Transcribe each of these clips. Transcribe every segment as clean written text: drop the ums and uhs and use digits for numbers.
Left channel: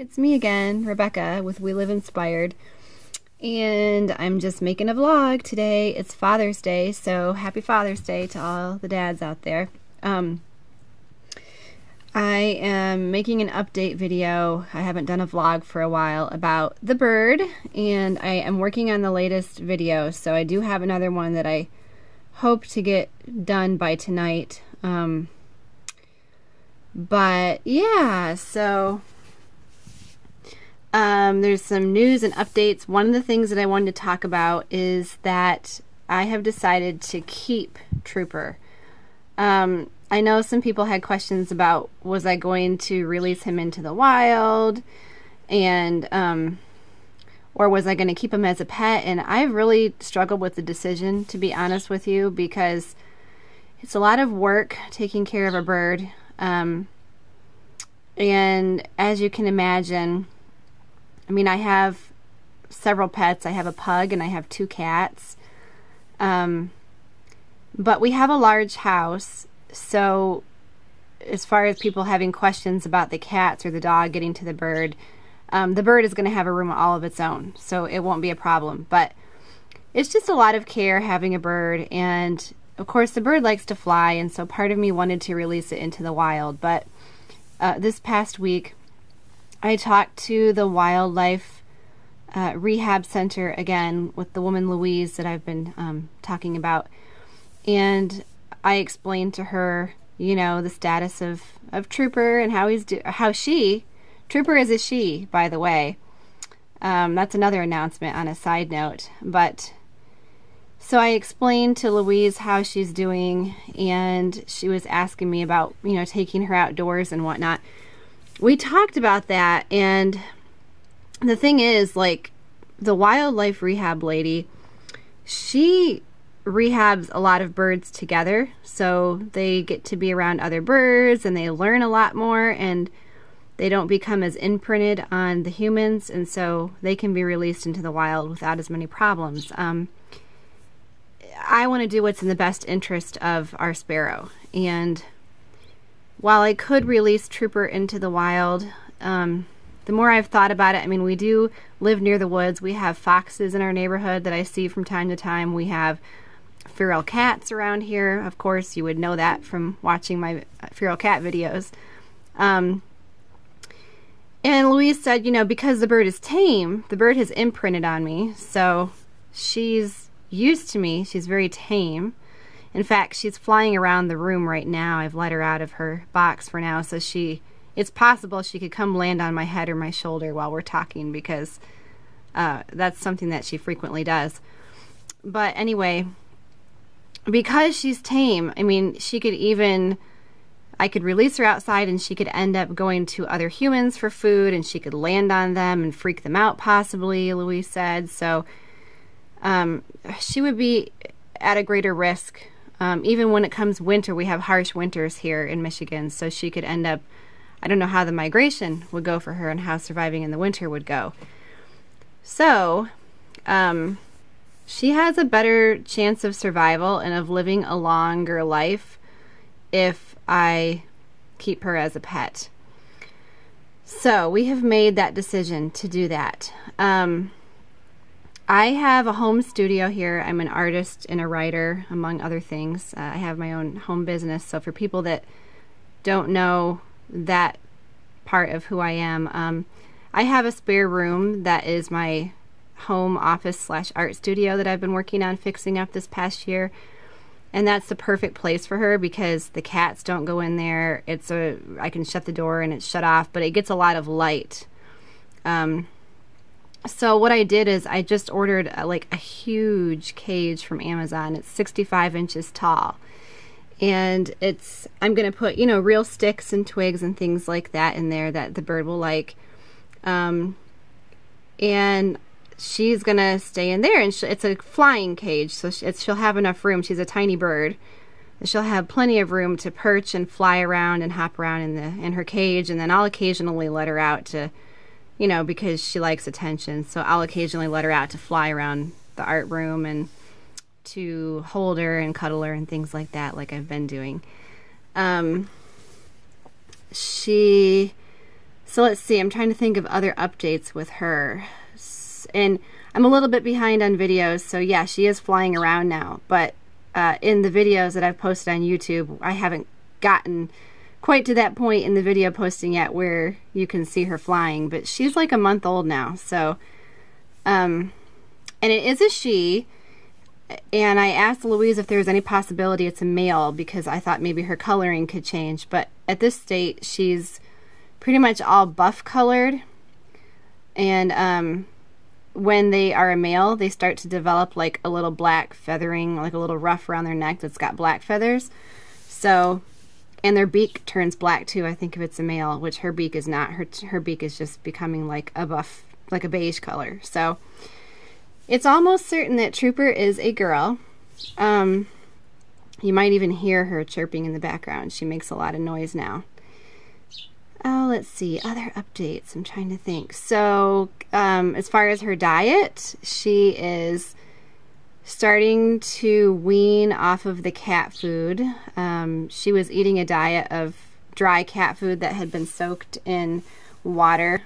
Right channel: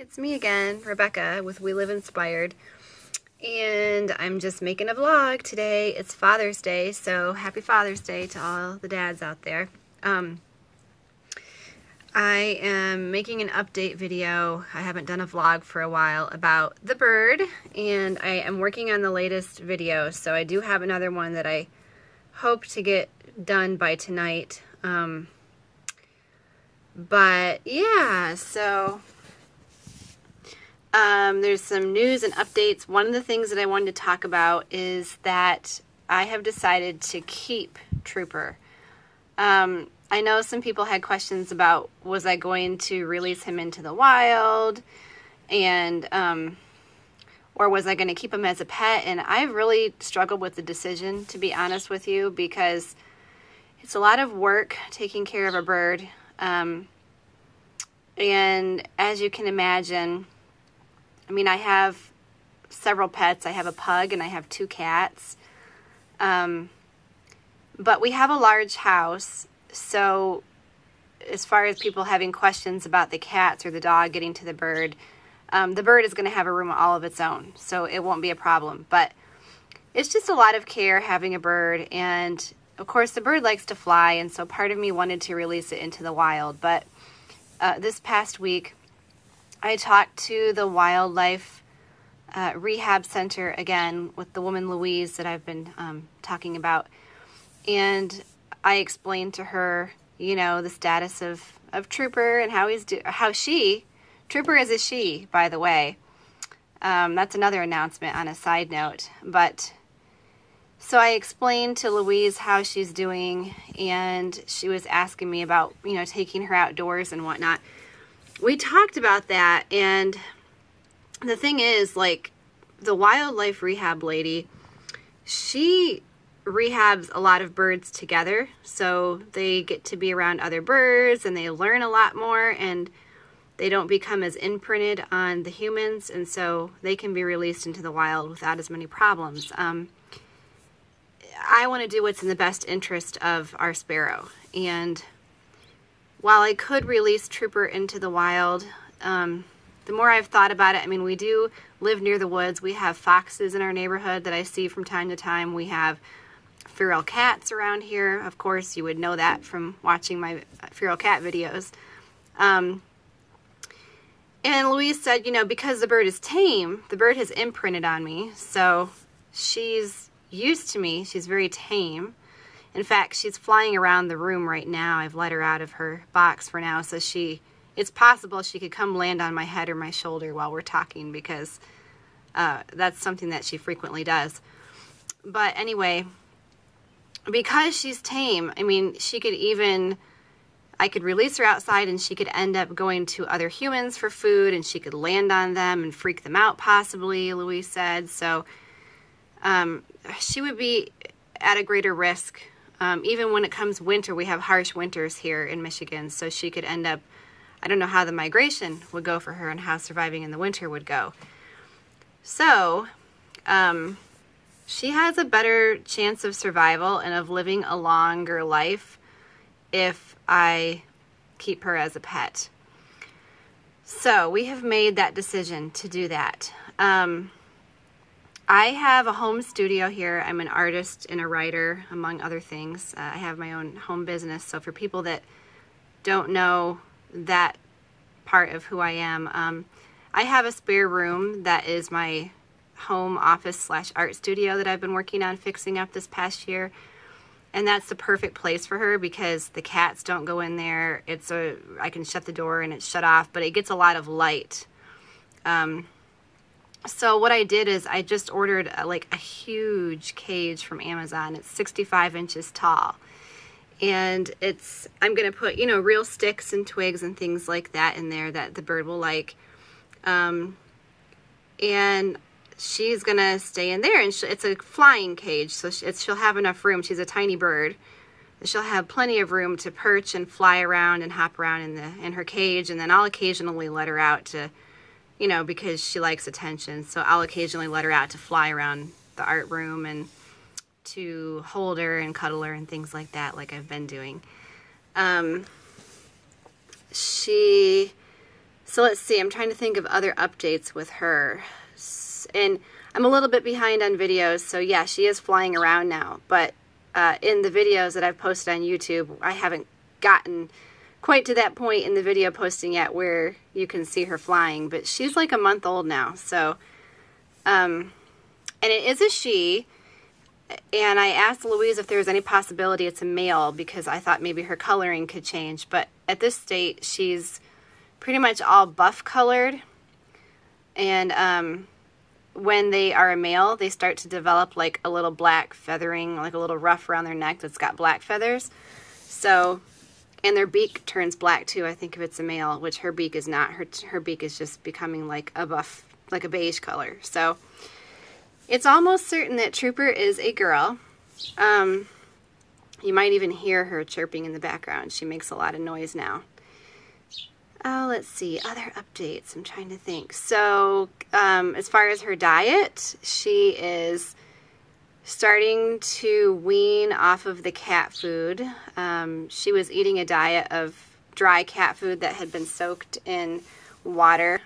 It's me again, Rebecca with We Live Inspired, and I'm just making a vlog today. It's Father's Day, so happy Father's Day to all the dads out there. I am making an update video. I haven't done a vlog for a while about the bird, and I am working on the latest video, so I do have another one that I hope to get done by tonight. But yeah, so there's some news and updates. One of the things that I wanted to talk about is that I have decided to keep Trooper. I know some people had questions about, was I going to release him into the wild, and or was I going to keep him as a pet? And I really struggled with the decision, to be honest with you, because it's a lot of work taking care of a bird. And as you can imagine, I mean, I have several pets. I have a pug and I have 2 cats. But we have a large house, so as far as people having questions about the cats or the dog getting to the bird is going to have a room all of its own, so it won't be a problem. But it's just a lot of care having a bird, and of course the bird likes to fly, and so part of me wanted to release it into the wild. But this past week I talked to the wildlife rehab center again with the woman Louise that I've been talking about, and I explained to her, you know, the status of Trooper and Trooper is a she, by the way. That's another announcement on a side note. But so I explained to Louise how she's doing, and she was asking me about, you know, taking her outdoors and whatnot. We talked about that, and the thing is, like, the wildlife rehab lady, she rehabs a lot of birds together, so they get to be around other birds and they learn a lot more, and they don't become as imprinted on the humans, and so they can be released into the wild without as many problems. I want to do what's in the best interest of our Sparrow, and while I could release Trooper into the wild, the more I've thought about it, I mean, we do live near the woods. We have foxes in our neighborhood that I see from time to time. We have feral cats around here. Of course, you would know that from watching my feral cat videos. And Louise said, you know, because the bird is tame, the bird has imprinted on me, so she's used to me. She's very tame. In fact, she's flying around the room right now. I've let her out of her box for now, so it's possible she could come land on my head or my shoulder while we're talking, because that's something that she frequently does. But anyway, because she's tame, I mean, I could release her outside and she could end up going to other humans for food, and she could land on them and freak them out possibly, Louise said. So she would be at a greater risk. Even when it comes winter, we have harsh winters here in Michigan, so she could end up, I don't know how the migration would go for her and how surviving in the winter would go. So she has a better chance of survival and of living a longer life if I keep her as a pet. So we have made that decision to do that. I have a home studio here. I'm an artist and a writer, among other things. I have my own home business, so for people that don't know that part of who I am, I have a spare room that is my home office / art studio that I've been working on fixing up this past year. And that's the perfect place for her because the cats don't go in there. I can shut the door and it's shut off, but it gets a lot of light. So what I did is I just ordered like a huge cage from Amazon. It's 65 inches tall. And I'm going to put, you know, real sticks and twigs and things like that in there that the bird will like. And she's going to stay in there. And it's a flying cage, so she'll have enough room. She's a tiny bird. She'll have plenty of room to perch and fly around and hop around in her cage. And then I'll occasionally let her out to, you know, because she likes attention. So I'll occasionally let her out to fly around the art room and to hold her and cuddle her and things like that, like I've been doing. She So let's see, I'm trying to think of other updates with her. And I'm a little bit behind on videos, so yeah, she is flying around now. But in the videos that I've posted on YouTube, I haven't gotten quite to that point in the video posting yet where you can see her flying. But she's like a month old now, so... and it is a she. And I asked Louise if there was any possibility it's a male, because I thought maybe her coloring could change. But at this state, she's pretty much all buff colored. And when they are a male, they start to develop like a little black feathering, like a little ruff around their neck that's got black feathers. So, and their beak turns black too, I think, if it's a male, which her beak is not. Her beak is just becoming like a buff, like a beige color. So it's almost certain that Trooper is a girl. You might even hear her chirping in the background. She makes a lot of noise now. Oh, let's see, other updates. I'm trying to think. So, as far as her diet, she is starting to wean off of the cat food. She was eating a diet of dry cat food that had been soaked in water,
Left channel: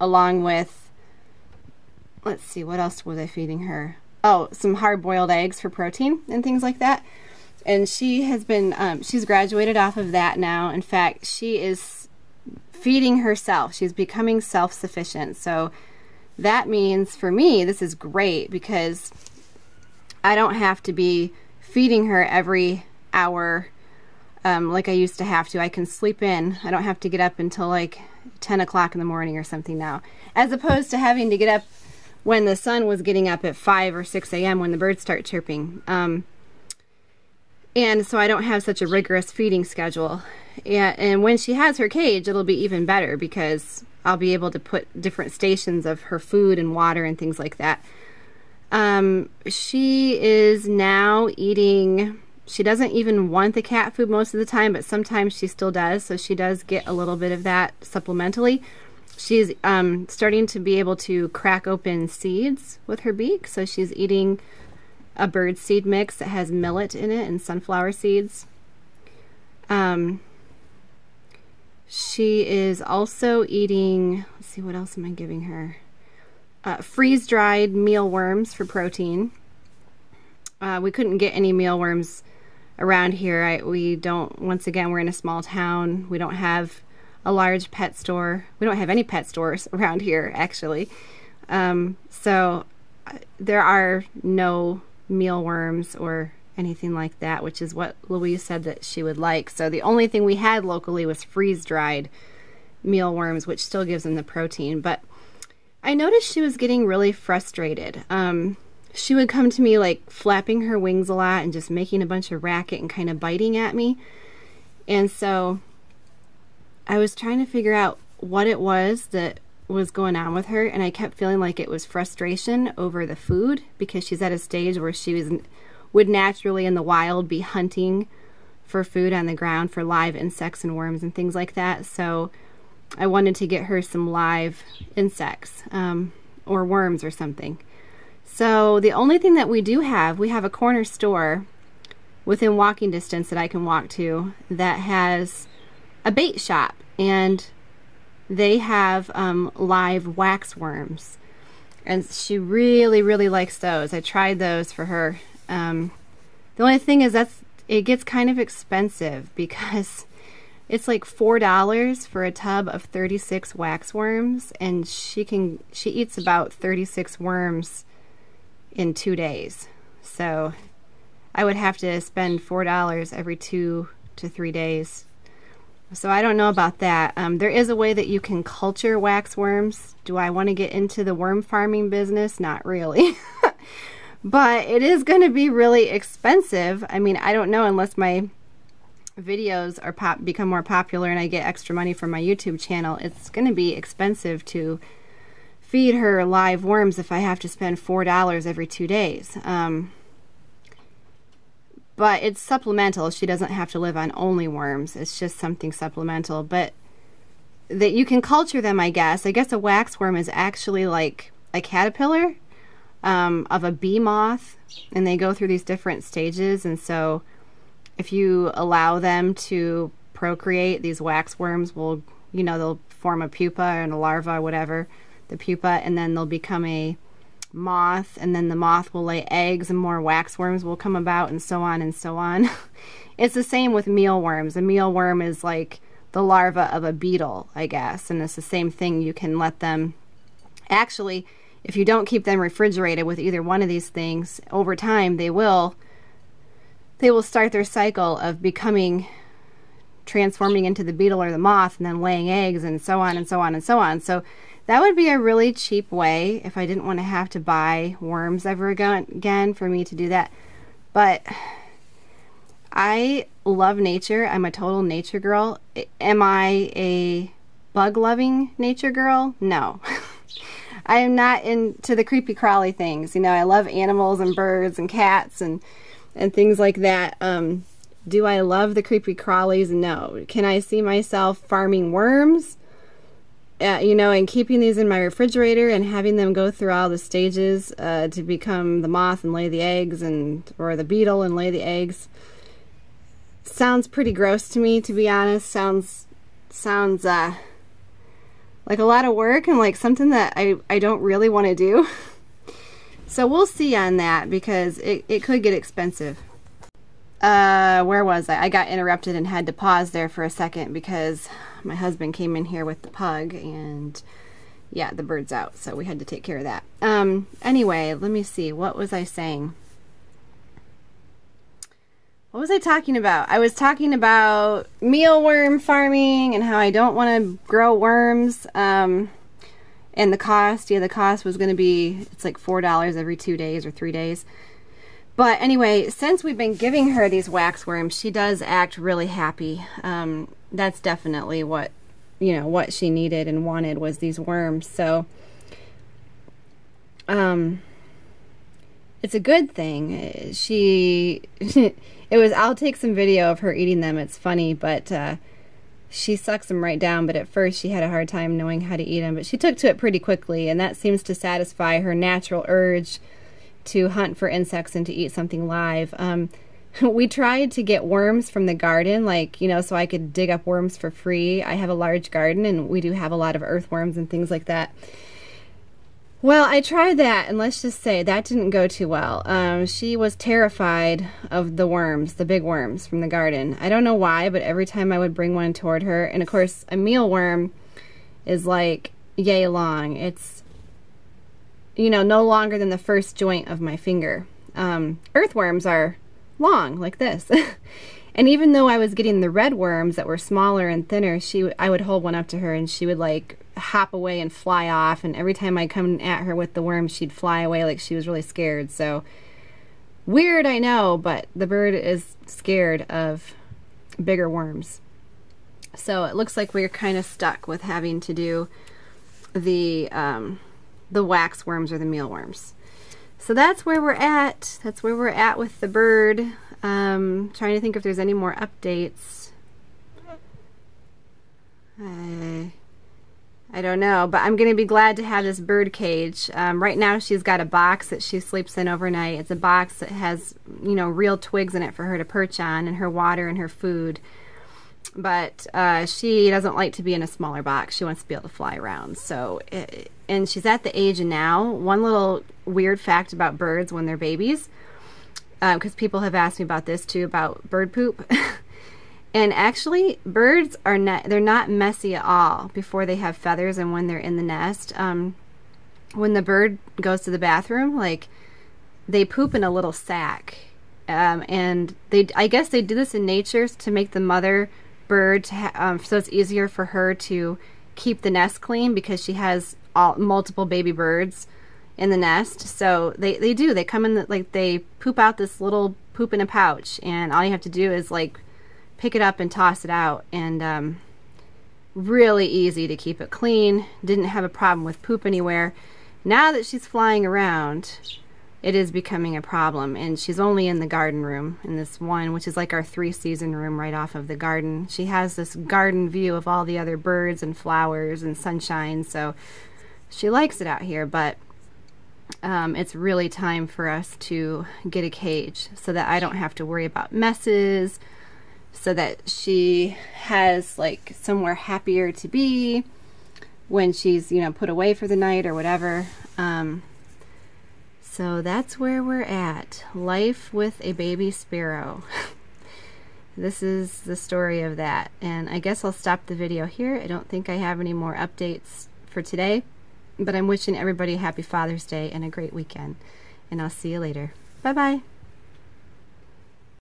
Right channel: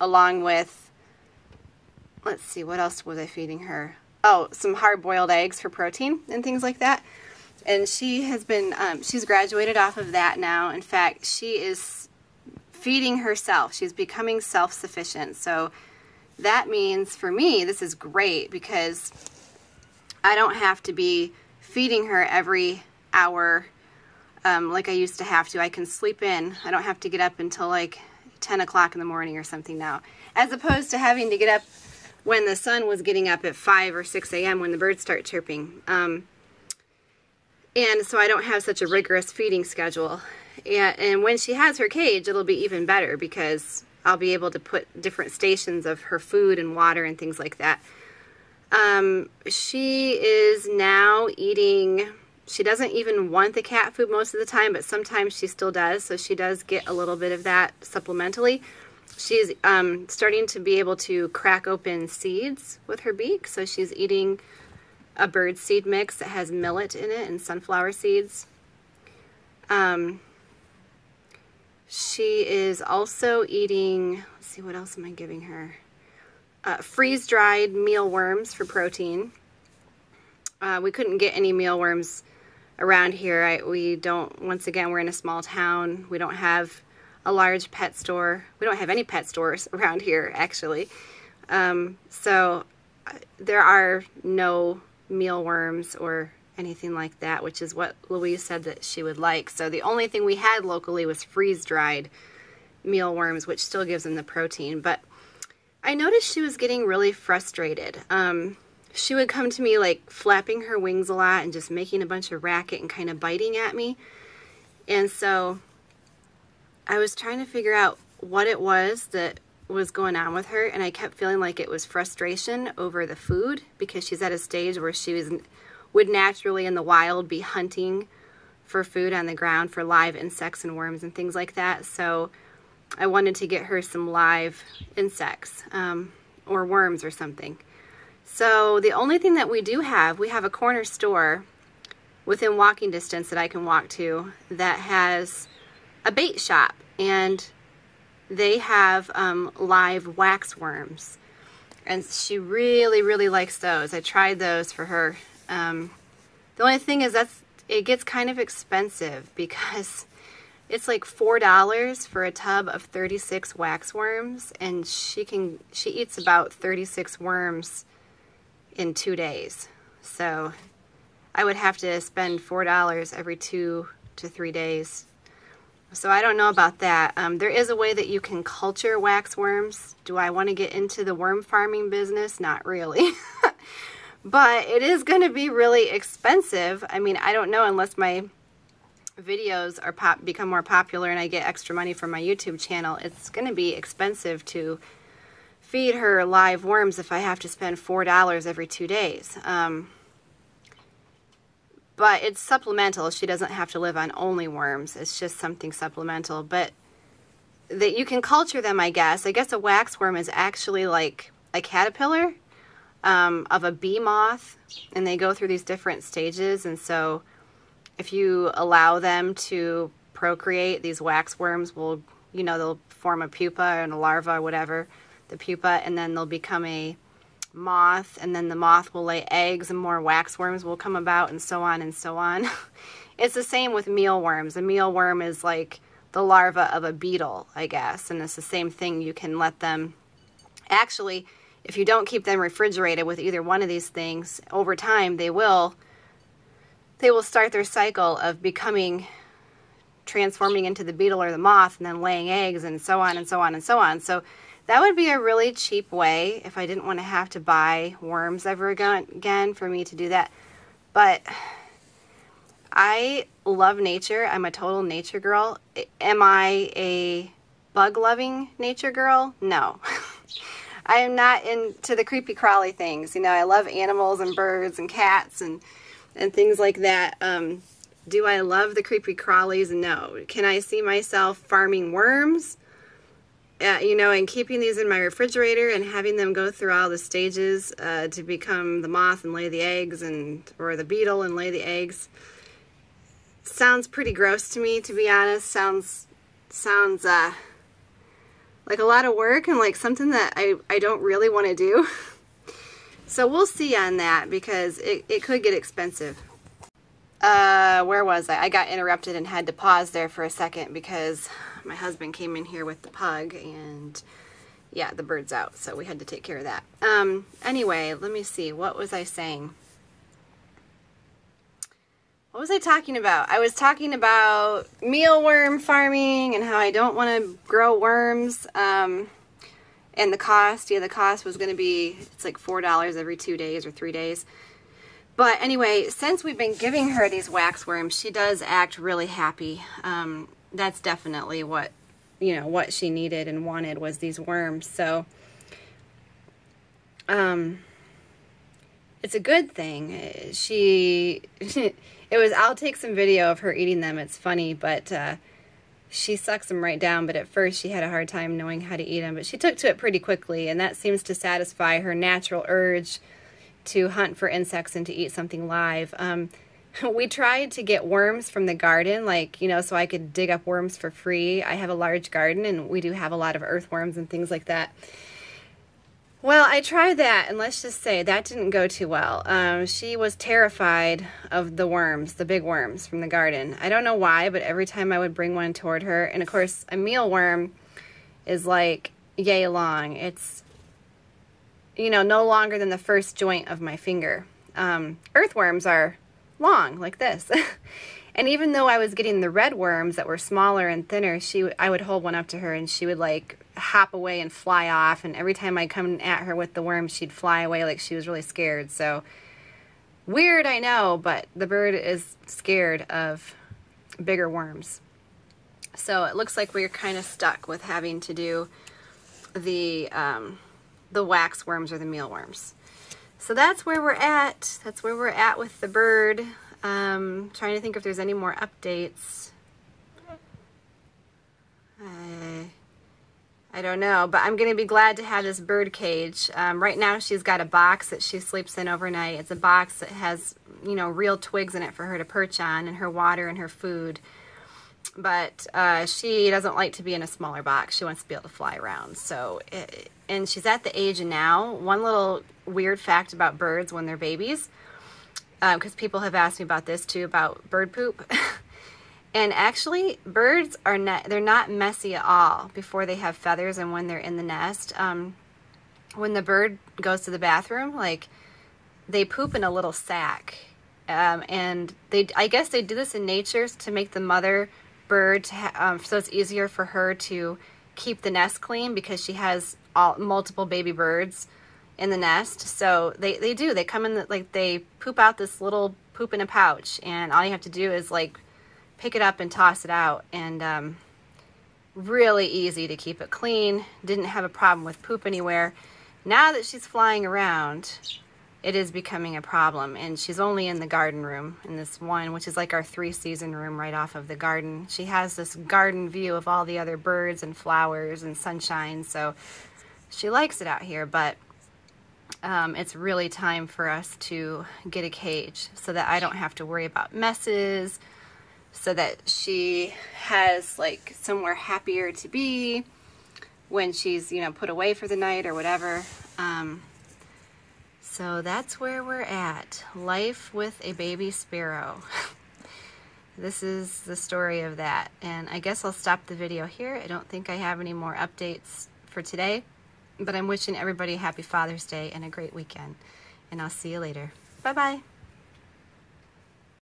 along with, let's see, what else was I feeding her? Oh, some hard-boiled eggs for protein and things like that. And she has been, she's graduated off of that now. In fact, she is feeding herself. She's becoming self-sufficient. So that means for me, this is great because I don't have to be feeding her every hour like I used to have to. I can sleep in. I don't have to get up until like 10 o'clock in the morning or something now, as opposed to having to get up when the sun was getting up at 5 or 6 a.m. when the birds start chirping. And so I don't have such a rigorous feeding schedule. And when she has her cage, it'll be even better because I'll be able to put different stations of her food and water and things like that. She is now eating, she doesn't even want the cat food most of the time, but sometimes she still does. So she does get a little bit of that supplementally. She's starting to be able to crack open seeds with her beak. So she's eating a bird seed mix that has millet in it and sunflower seeds. She is also eating, let's see, what else am I giving her? Freeze-dried mealworms for protein. We couldn't get any mealworms around here. We don't, once again, we're in a small town. We don't have a large pet store. We don't have any pet stores around here, actually. So there are no mealworms or anything like that, which is what Louise said that she would like. So the only thing we had locally was freeze-dried mealworms, which still gives them the protein. But I noticed she was getting really frustrated. She would come to me like flapping her wings a lot and just making a bunch of racket and kind of biting at me. And so I was trying to figure out what it was that was going on with her, and I kept feeling like it was frustration over the food, because she's at a stage where she would naturally in the wild be hunting for food on the ground for live insects and worms and things like that. So I wanted to get her some live insects or worms or something. So the only thing that we have a corner store within walking distance that I can walk to that has a bait shop, and they have live wax worms, and she really, really likes those. I tried those for her. The only thing is it gets kind of expensive because it's like $4 for a tub of 36 wax worms, and she eats about 36 worms in 2 days. So I would have to spend $4 every 2 to 3 days. So I don't know about that. There is a way that you can culture wax worms. Do I want to get into the worm farming business? Not really. But it is going to be really expensive. I mean, I don't know, unless my videos are become more popular and I get extra money from my YouTube channel. It's going to be expensive to feed her live worms if I have to spend $4 every 2 days. But it's supplemental. She doesn't have to live on only worms. It's just something supplemental. But that you can culture them, I guess. I guess a waxworm is actually like a caterpillar of a bee moth, and they go through these different stages. And so if you allow them to procreate, these waxworms will, you know, they'll form a pupa and a larva or whatever, the pupa, and then they'll become a moth, and then the moth will lay eggs and more waxworms will come about, and so on and so on. It's the same with mealworms. A mealworm is like the larva of a beetle, I guess, and it's the same thing. You can let them, actually, if you don't keep them refrigerated with either one of these things, over time they will start their cycle of transforming into the beetle or the moth, and then laying eggs, and so on and so on and so on. So that would be a really cheap way, if I didn't want to have to buy worms ever again, for me to do that. But I love nature. I'm a total nature girl. Am I a bug-loving nature girl? No. I am not into the creepy crawly things. You know, I love animals and birds and cats and things like that. Do I love the creepy crawlies? No. Can I see myself farming worms? You know, and keeping these in my refrigerator and having them go through all the stages to become the moth and lay the eggs, or the beetle and lay the eggs. Sounds pretty gross to me, to be honest. Sounds like a lot of work and like something that I don't really want to do. So we'll see on that, because it could get expensive. Where was I? I got interrupted and had to pause there for a second because my husband came in here with the pug, and yeah, the bird's out, so we had to take care of that. Anyway, let me see. What was I saying? What was I talking about? I was talking about mealworm farming and how I don't want to grow worms. And the cost. Yeah, the cost was going to be, it's like $4 every 2 days or 3 days. But anyway, since we've been giving her these waxworms, she does act really happy. That's definitely what, you know, what she needed and wanted, was these worms. So, it's a good thing. I'll take some video of her eating them. It's funny, but she sucks them right down. But at first she had a hard time knowing how to eat them. But she took to it pretty quickly, and that seems to satisfy her natural urge to hunt for insects and to eat something live. We tried to get worms from the garden, like, you know, so I could dig up worms for free. I have a large garden, and we do have a lot of earthworms and things like that. Well, I tried that, and let's just say that didn't go too well. She was terrified of the worms, the big worms from the garden. I don't know why, but every time I would bring one toward her, and of course, a mealworm is like yay long. It's, you know, no longer than the first joint of my finger. Earthworms are long, like this. And even though I was getting the red worms that were smaller and thinner, I would hold one up to her, and she would like hop away and fly off, and every time I'd come at her with the worms, she'd fly away like she was really scared. So weird, I know, but the bird is scared of bigger worms. So it looks like we're kind of stuck with having to do the wax worms or the mealworms. So that's where we're at. That's where we're at with the bird. Trying to think if there's any more updates. I don't know, but I'm going to be glad to have this bird cage. Right now she's got a box that she sleeps in overnight. It's a box that has, you know, real twigs in it for her to perch on, and her water and her food. But she doesn't like to be in a smaller box. She wants to be able to fly around. So, and she's at the age now. One little weird fact about birds when they're babies, because people have asked me about this too, about bird poop. And actually, birds are they're not messy at all before they have feathers and when they're in the nest. When the bird goes to the bathroom, like, they poop in a little sack. And I guess they do this in nature to make the mother bird, so it's easier for her to keep the nest clean, because she has multiple baby birds in the nest. So they come in, like, they poop out this little poop in a pouch, and all you have to do is like pick it up and toss it out, and really easy to keep it clean. Didn't have a problem with poop anywhere. Now that she's flying around, it is becoming a problem, and she's only in the garden room, in this one, which is like our 3-season room right off of the garden. She has this garden view of all the other birds and flowers and sunshine, so she likes it out here. But it's really time for us to get a cage so that I don't have to worry about messes, so that she has like somewhere happier to be. when she's, you know, put away for the night or whatever. So that's where we're at. Life with a baby sparrow. This is the story of that. And I guess I'll stop the video here. I don't think I have any more updates for today, but I'm wishing everybody a happy Father's Day and a great weekend. And I'll see you later. Bye-bye.